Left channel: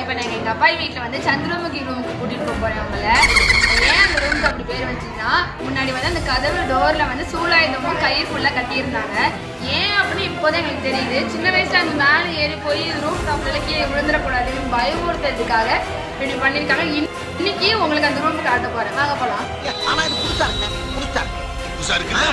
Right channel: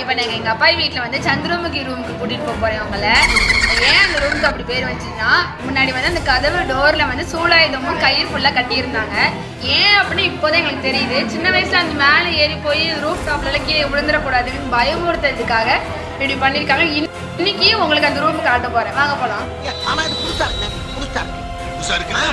இப்போ நாங்கள் எங்கள் அப்பா வீட்டில் வந்து சந்திரமுகி ரூமுக்கு கூட்டிகிட்டு போக போகிறேன் அவங்கள. ஏன் அந்த ரூமுக்கு அப்படி பேர் வச்சுன்னா, முன்னாடி வந்து அந்த கதவு டோரில் வந்து சூலாயுதமும் கயிறு ஃபுல்லாக கட்டியிருந்தாங்க. ஏன் அப்படின்னு இப்போதான் எங்களுக்கு தெரியுது. சின்ன வயசுல அந்த மேலே ஏறி போய் ரூஃப் டாப்ல கீழே விழுந்துடக்கூடாதுன்னு பயமுறுத்துறதுக்காக இப்படி பண்ணியிருக்காங்க. இன்னைக்கு உங்களுக்கு அந்த ரூமுக்கு காட்ட போகிறேன், வாங்க போகலாம். ஆனால் இது புதுசாக இருக்குண்ணே, புதுசாக இருக்கு.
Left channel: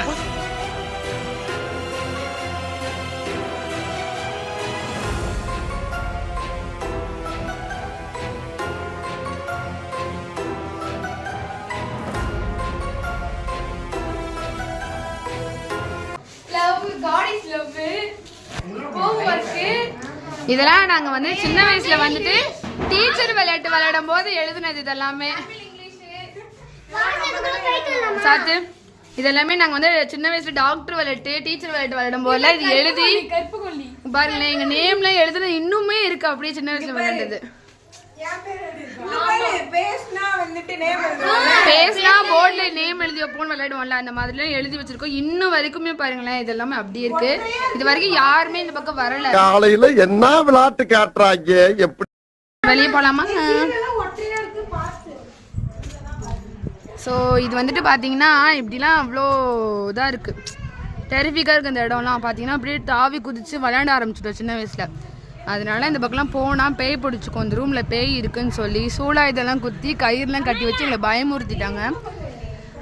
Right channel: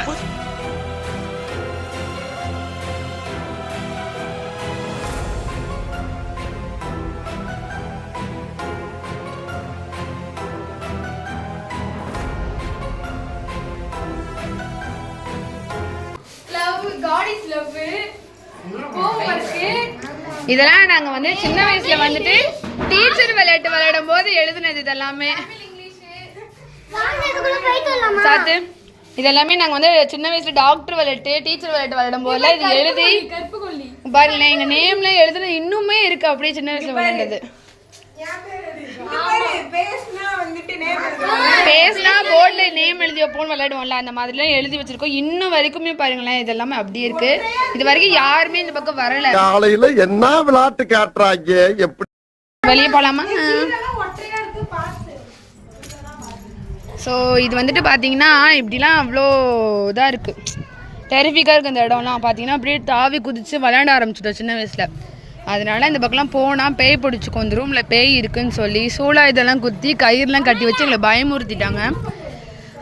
இதெல்லாம் நாங்க வந்து சின்ன வயசுல வந்துட்டு டீச்சர் விளையாட்டு விளையாடும் போது எழுதுனது. இதெல்லாமே சாத்து இதெல்லாமே நாங்க வந்து சின்ன வயசுல டாக்டர் விளையாட்டு டீச்சர் விளையாட்டு விளையாடும் போதுல இது எழுதி பாருங்களேன். எங்க நேம்லாம் எழுதுனது இன்னுமே இருக்கு, அப்படியே சின்ன வயசுல விளையாண்டது. பேஸ்னா போர்ட்ல நேம் எழுதி வைப்போம்னு விளையாடுவோம்ல, அந்த மாதிரிலாம் எழுதி வச்சிருக்கோம். இன்னும் வரைக்குமே பாருங்களேன், இதெல்லாமே அப்படியே இருக்கு. இது வரைக்கும் யாருமே இந்த பக்கம் வரல. காலையில என்ன விளையாட்டு காட்டுறாங்க, எப்படி வெளியே போலாமா? ஸோ இது வந்துட்டு பார்த்தீங்கன்னா இப்படிலாம் அவ்வளோ இதாக இருக்குது, டெரிஃபிக்காக இருக்குது. இந்த இடம்லாம் பார்த்தீங்கன்னா அப்படியே தாவி குதிச்சு விளையாட ஆரம்பிச்சிட்டோம் சின்ன வயசில். அதனால இந்த பக்கம்லாம் போனால் பேய் பிடிச்சிக்கும். இந்த ரூமில் பேய் இருக்குன்னு சொல்லி சூளா இதெல்லாம் குத்தி கயிறுலாம் கட்டி வச்சு எங்களை பயமுறுத்திட்டாங்க.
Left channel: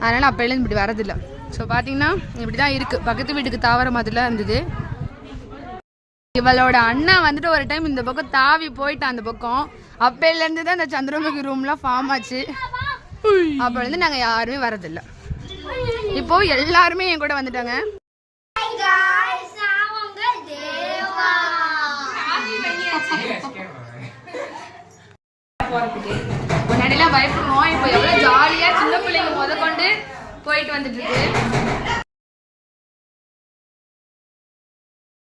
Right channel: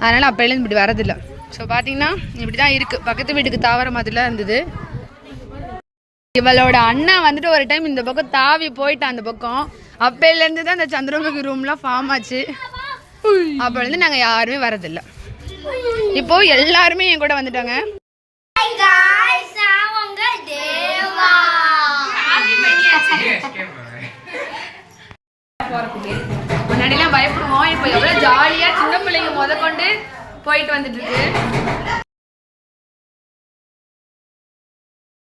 அதனால் அப்போலேருந்து இப்படி வரதில்லை. ஸோ பார்த்தீங்கன்னா இப்படி தான் இருக்குது. பக்கத்து வீட்டுக்கு தாவர மாதிரிலாம் இருந்தது. இவளோட அண்ணா வந்துட்டு ஒரு டைம் இந்த பக்கம் தாவி போயிட்டான் அந்த பக்கம். அப்போலேருந்து தான் இந்த சந்திரமுகி ரூம்லாம் ஃபார்ம் ஆச்சு. அப்போலேருந்து நாங்கள் யாருமே வரதில்லை. இப்போது எல்லாருமே என் கூட வந்துட்டாங்க. முன்னாடிலாம் பயப்படுவோம், இப்போ எவ்வளவு ஜாலியா சின்ன பிள்ளைங்க முத கொண்டு போயிட்டு வந்துட்டு இருக்கு.